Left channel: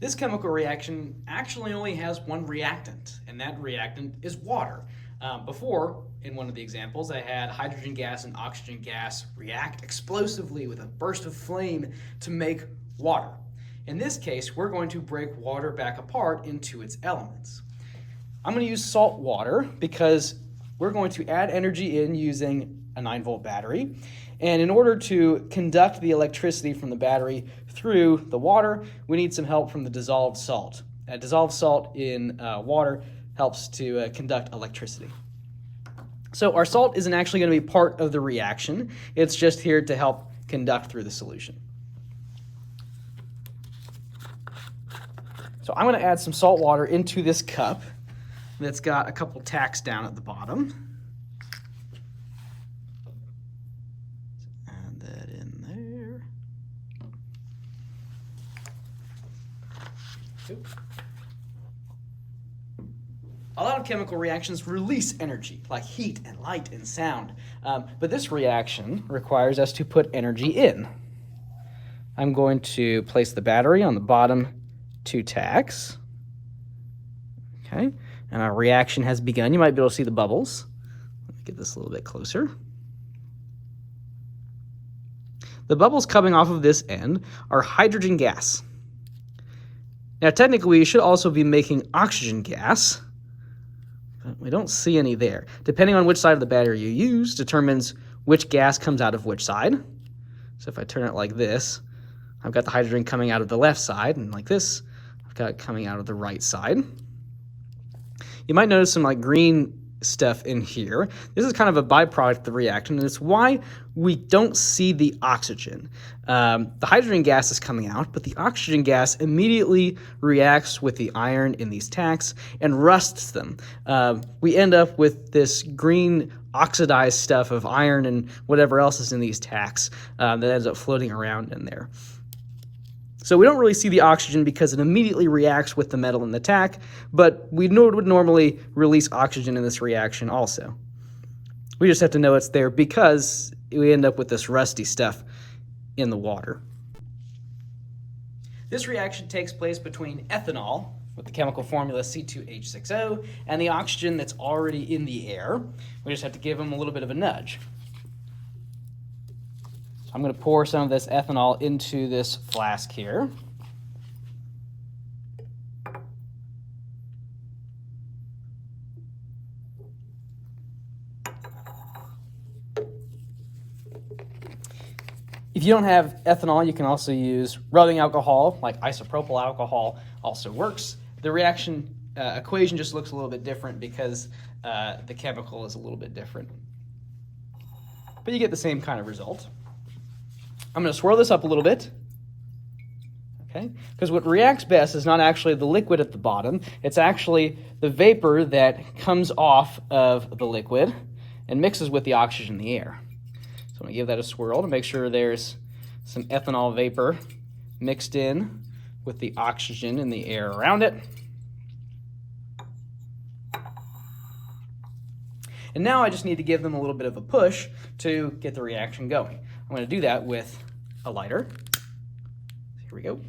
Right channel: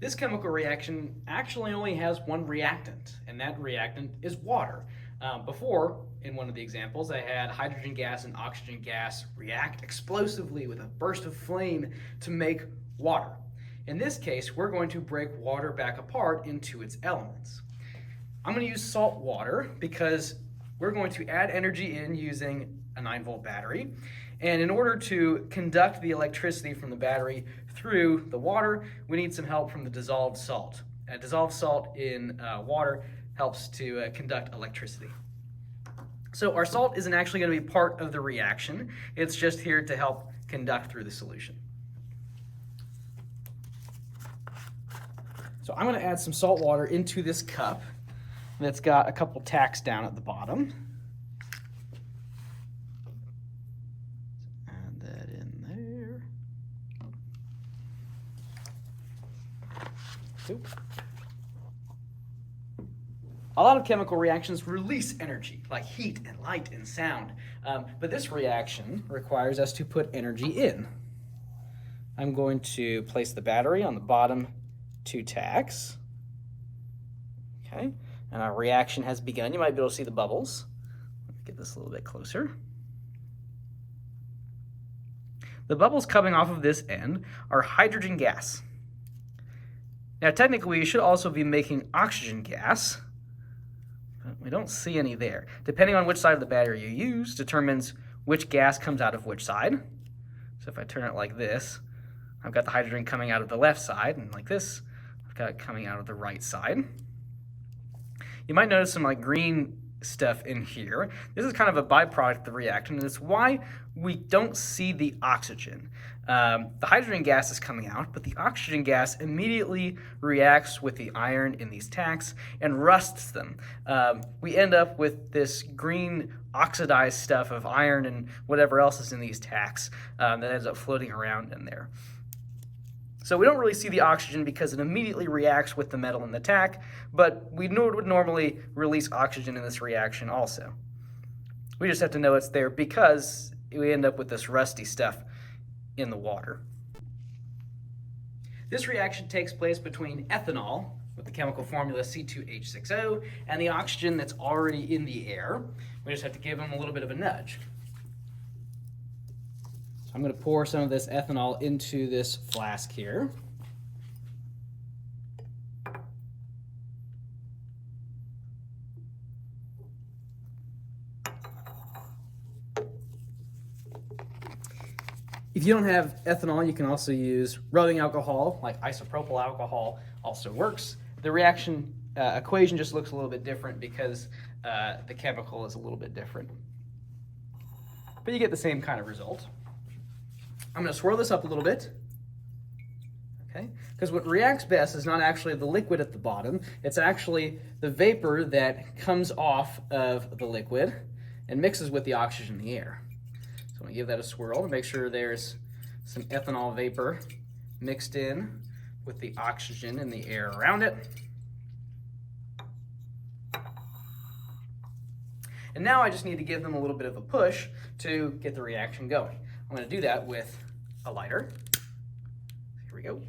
This chemical reaction actually only has one reactant, and that reactant is water. Before, in one of the examples, I had hydrogen gas and oxygen gas react explosively with a burst of flame to make water. In this case, we're going to break water back apart into its elements. I'm going to use salt water because we're going to add energy in using a 9-volt battery. And in order to conduct the electricity from the battery through the water, we need some help from the dissolved salt. Dissolved salt in water helps to conduct electricity. So our salt isn't actually going to be part of the reaction. It's just here to help conduct through the solution. So I'm going to add some salt water into this cup that's got a couple tacks down at the bottom. Add that in there. Oops. A lot of chemical reactions release energy, like heat and light and sound. But this reaction requires us to put energy in. I'm going to place the battery on the bottom 2 tacks. Okay, and our reaction has begun. You might be able to see the bubbles. Let me get this a little bit closer. The bubbles coming off of this end are hydrogen gas. Now, technically, you should also be making oxygen gas, but we don't see any there. Depending on which side of the battery you use determines which gas comes out of which side. So if I turn it like this, I've got the hydrogen coming out of the left side, and like this, I've got it coming out of the right side. You might notice some like green stuff in here. This is kind of a byproduct of the reaction, and it's why we don't see the oxygen. The hydrogen gas is coming out, but the oxygen gas immediately reacts with the iron in these tacks and rusts them. We end up with this green oxidized stuff of iron and whatever else is in these tacks that ends up floating around in there. So we don't really see the oxygen because it immediately reacts with the metal in the tack, but we would normally release oxygen in this reaction also. We just have to know it's there because we end up with this rusty stuff in the water. This reaction takes place between ethanol, with the chemical formula C2H6O, and the oxygen that's already in the air. We just have to give them a little bit of a nudge. I'm going to pour some of this ethanol into this flask here. If you don't have ethanol, you can also use rubbing alcohol, like isopropyl alcohol also works. The reaction equation just looks a little bit different because the chemical is a little bit different. But you get the same kind of result. I'm going to swirl this up a little bit, okay? Because what reacts best is not actually the liquid at the bottom, it's actually the vapor that comes off of the liquid and mixes with the oxygen in the air. So I'm going to give that a swirl to make sure there's some ethanol vapor mixed in with the oxygen in the air around it. And now I just need to give them a little bit of a push to get the reaction going. I'm going to do that with a lighter. Here we go.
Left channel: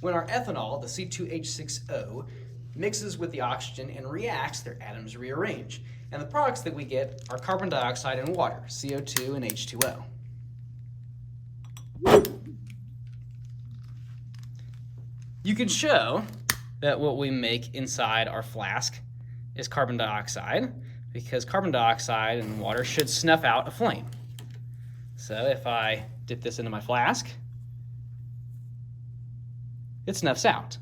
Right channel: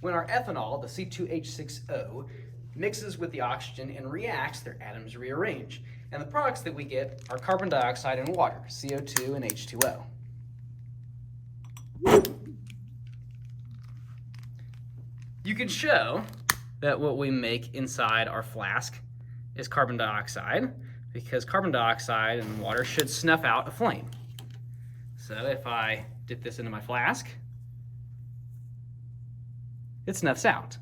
When our ethanol, the C2H6O, mixes with the oxygen and reacts, their atoms rearrange. And the products that we get are carbon dioxide and water, CO2 and H2O. You can show that what we make inside our flask is carbon dioxide because carbon dioxide and water should snuff out a flame. So if I dip this into my flask, it snuffs out.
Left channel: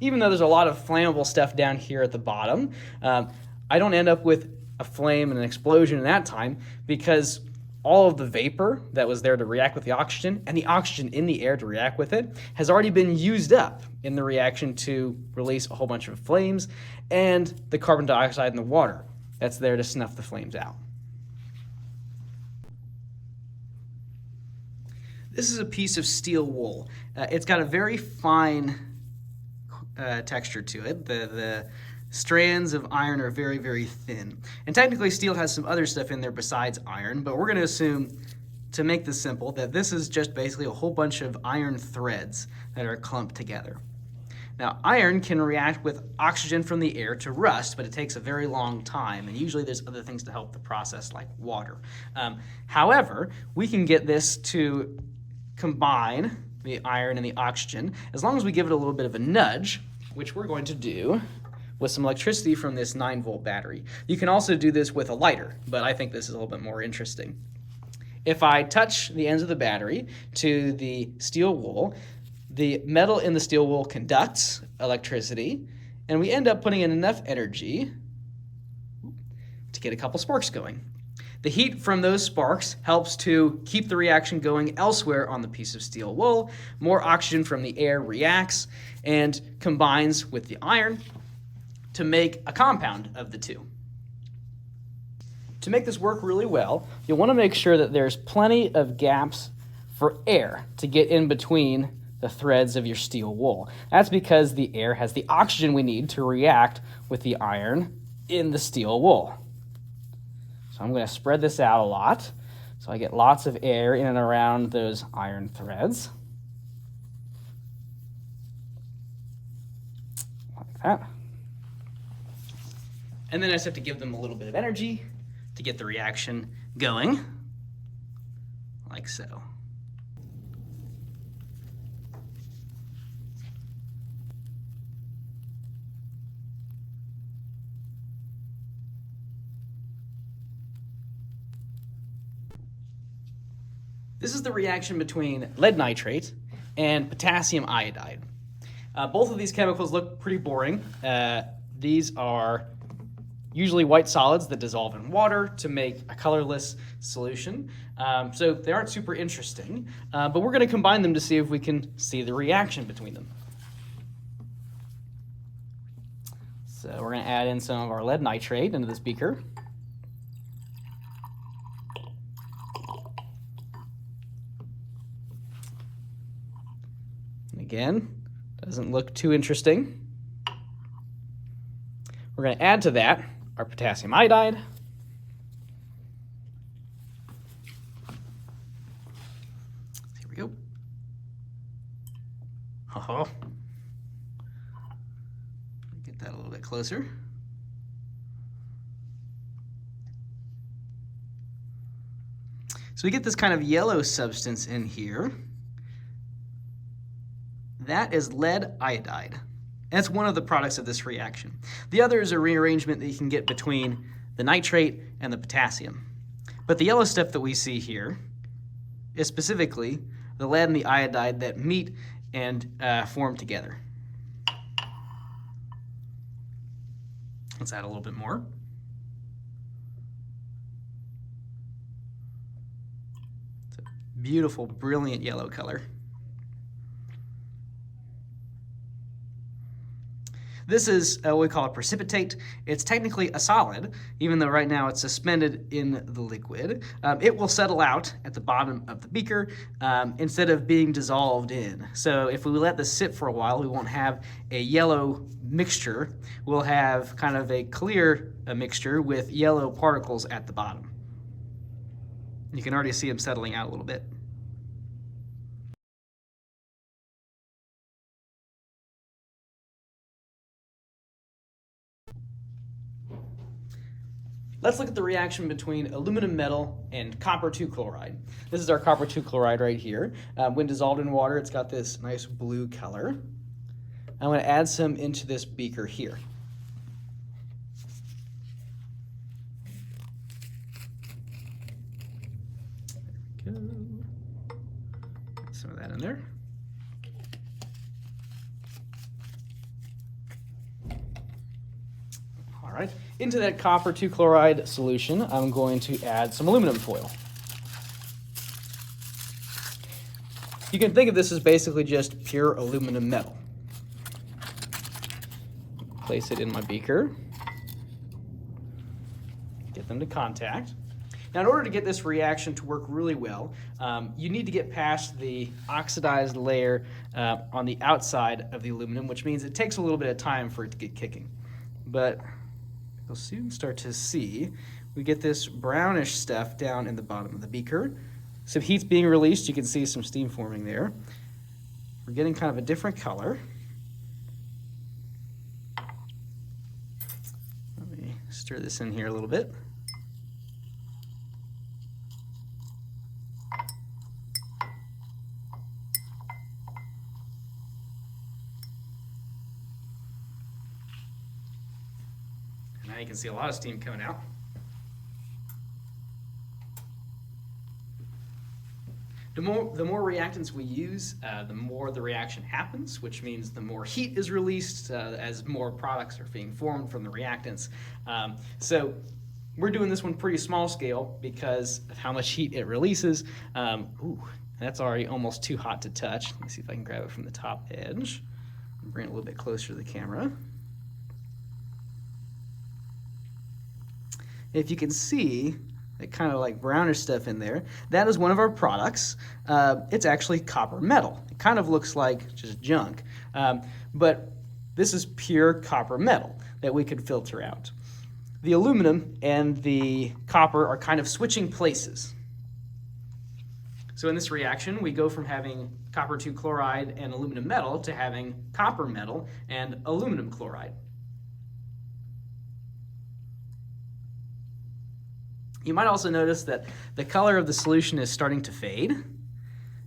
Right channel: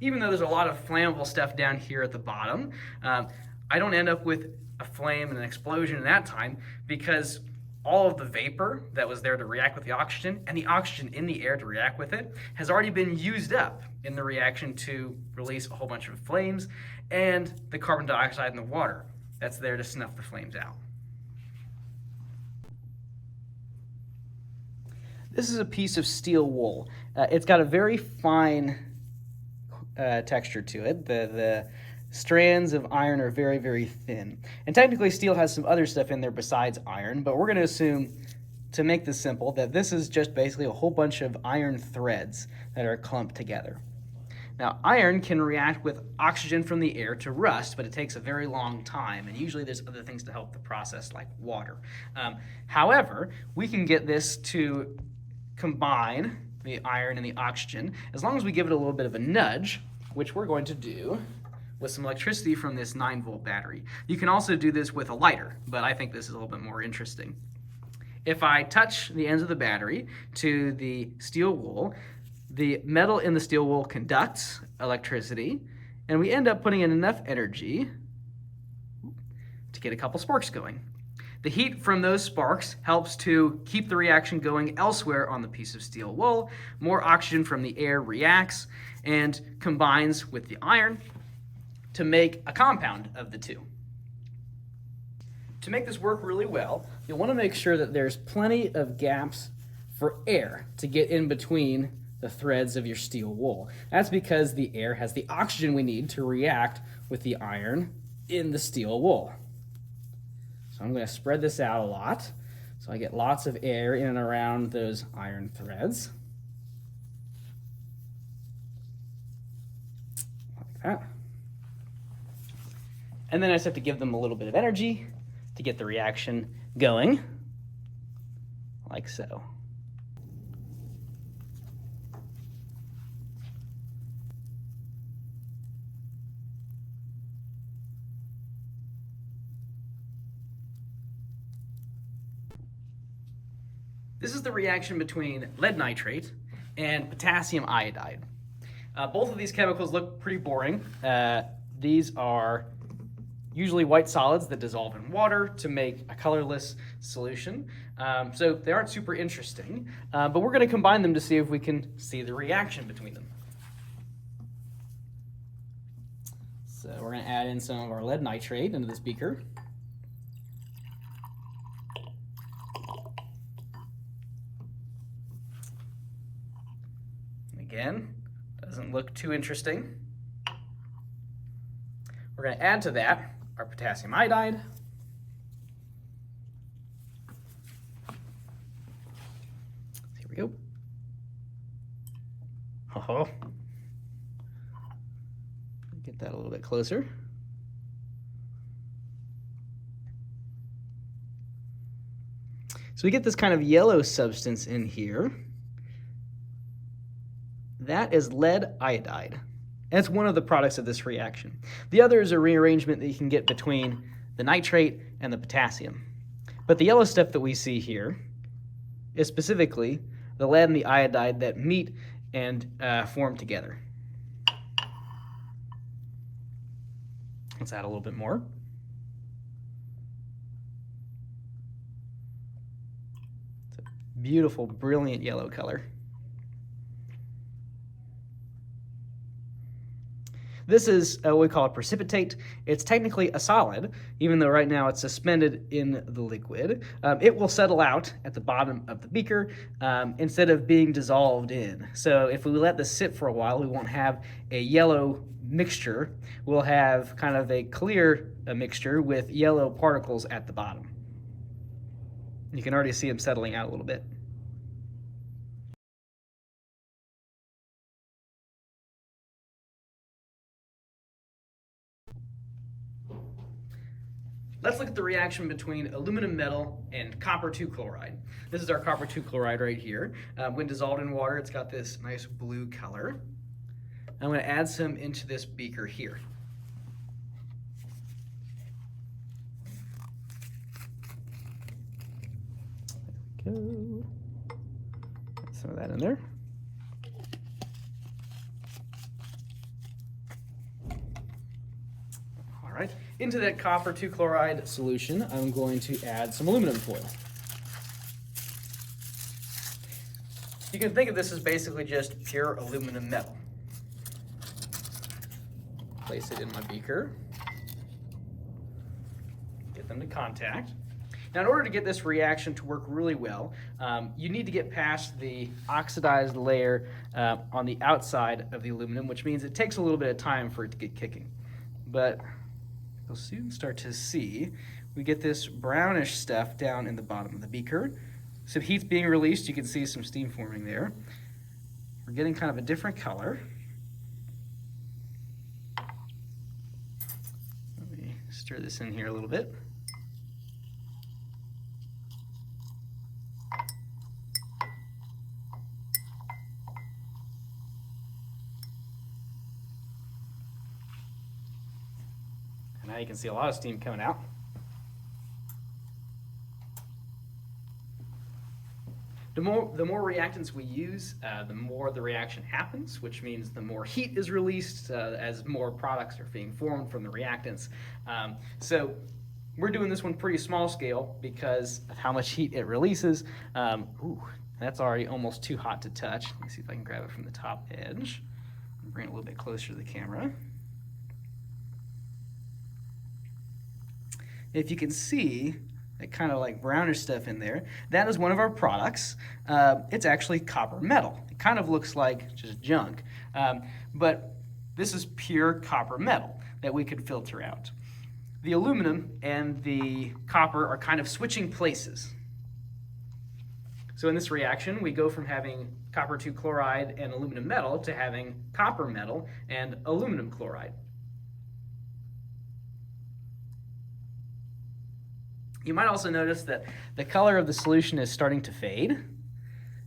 Even though there's a lot of flammable stuff down here at the bottom, I don't end up with a flame and an explosion in that time because all of the vapor that was there to react with the oxygen and the oxygen in the air to react with it has already been used up in the reaction to release a whole bunch of flames and the carbon dioxide in the water that's there to snuff the flames out. This is a piece of steel wool. It's got a very fine texture to it. The strands of iron are very, very thin. And technically steel has some other stuff in there besides iron, but we're going to assume, to make this simple, that this is just basically a whole bunch of iron threads that are clumped together. Now, iron can react with oxygen from the air to rust, but it takes a very long time, and usually there's other things to help the process, like water. However, we can get this to combine, the iron and the oxygen, as long as we give it a little bit of a nudge, which we're going to do with some electricity from this 9-volt battery. You can also do this with a lighter, but I think this is a little bit more interesting. If I touch the ends of the battery to the steel wool, the metal in the steel wool conducts electricity, and we end up putting in enough energy to get a couple sparks going. The heat from those sparks helps to keep the reaction going elsewhere on the piece of steel wool. More oxygen from the air reacts and combines with the iron to make a compound of the two. To make this work really well, you'll want to make sure that there's plenty of gaps for air to get in between the threads of your steel wool. That's because the air has the oxygen we need to react with the iron in the steel wool. So I'm going to spread this out a lot so I get lots of air in and around those iron threads. Like that. And then I just have to give them a little bit of energy to get the reaction going, like so. This is the reaction between lead nitrate and potassium iodide. Both of these chemicals look pretty boring. These are usually white solids that dissolve in water to make a colorless solution. So they aren't super interesting, but we're going to combine them to see if we can see the reaction between them. So we're going to add in some of our lead nitrate into this beaker. Again, doesn't look too interesting. We're going to add to that our potassium iodide. Here we go. Oh, get that a little bit closer. So we get this kind of yellow substance in here. That is lead iodide. And it's one of the products of this reaction. The other is a rearrangement that you can get between the nitrate and the potassium. But the yellow stuff that we see here is specifically the lead and the iodide that meet and form together. Let's add a little bit more. It's a beautiful, brilliant yellow color. This is what we call a precipitate. It's technically a solid, even though right now it's suspended in the liquid. It will settle out at the bottom of the beaker instead of being dissolved in. So if we let this sit for a while, we won't have a yellow mixture. We'll have kind of a clear mixture with yellow particles at the bottom. You can already see them settling out a little bit. Let's look at the reaction between aluminum metal and copper 2 chloride. This is our copper 2 chloride right here. When dissolved in water, it's got this nice blue color. I'm going to add some into this beaker here. There we go. Add some of that in there. All right, into that copper 2 chloride solution, I'm going to add some aluminum foil. You can think of this as basically just pure aluminum metal. Place it in my beaker. Get them to contact. Now, in order to get this reaction to work really well, you need to get past the oxidized layer on the outside of the aluminum, which means it takes a little bit of time for it to get kicking. but you'll soon start to see we get this brownish stuff down in the bottom of the beaker. Some heat's being released. You can see some steam forming there. We're getting kind of a different color. Let me stir this in here a little bit. And now you can see a lot of steam coming out. The more reactants we use, the more the reaction happens, which means the more heat is released as more products are being formed from the reactants. So we're doing this one pretty small scale because of how much heat it releases. Ooh, that's already almost too hot to touch. Let me see if I can grab it from the top edge and bring it a little bit closer to the camera. If you can see that kind of like brownish stuff in there, that is one of our products. It's actually copper metal. It kind of looks like just junk, but this is pure copper metal that we could filter out. The aluminum and the copper are kind of switching places. So in this reaction, we go from having copper 2 chloride and aluminum metal to having copper metal and aluminum chloride. You might also notice that the color of the solution is starting to fade.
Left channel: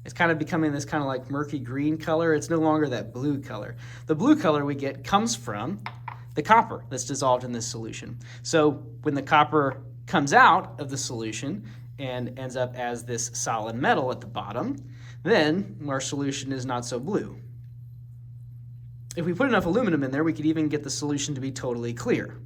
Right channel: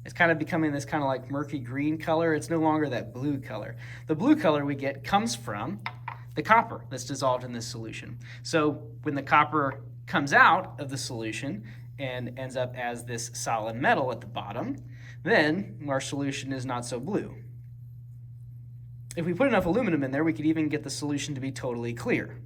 It's kind of becoming this kind of like murky green color. It's no longer that blue color. The blue color we get comes from the copper that's dissolved in this solution. So when the copper comes out of the solution and ends up as this solid metal at the bottom, then our solution is not so blue. If we put enough aluminum in there, we could even get the solution to be totally clear.